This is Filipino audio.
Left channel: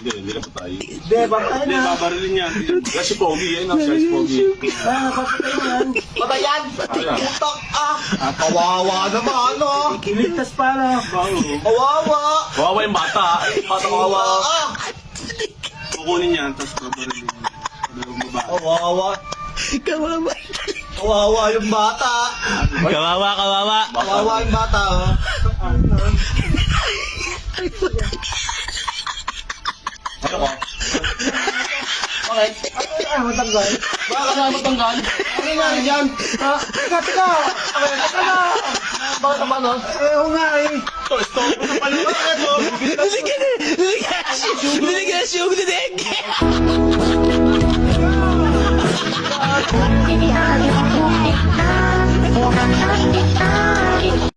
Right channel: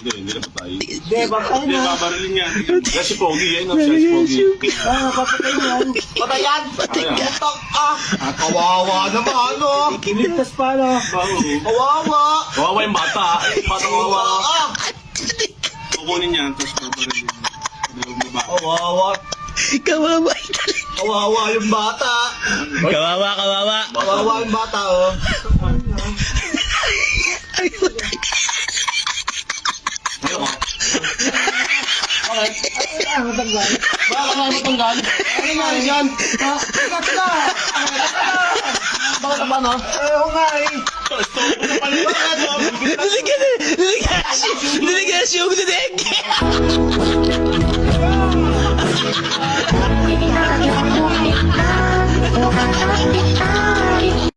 Hindi na patay. Hindi, bakit Hindi, na? babarilin yan. Kasi pogi, yan ang size pogi. Patay yan. Patay yan! Kaya. Putak ah! Kawawa naman, ano? Ligtas pa, no? Kawawa! Kawawa yung bata. Kawawa ah! Kukunin yan, tapos babarilin yan. Dalawang babae. Kawawa! Kawawa. Kawawa yung bata! Kawawa, kawawa. Kawawa yung bata, oh! Okay. Ay, matanggal. Bakit na matanggal? Ano nga yan? Kat ka! Bakit naman, no? Oo nga, eh. Delegasyon, dinig. Kita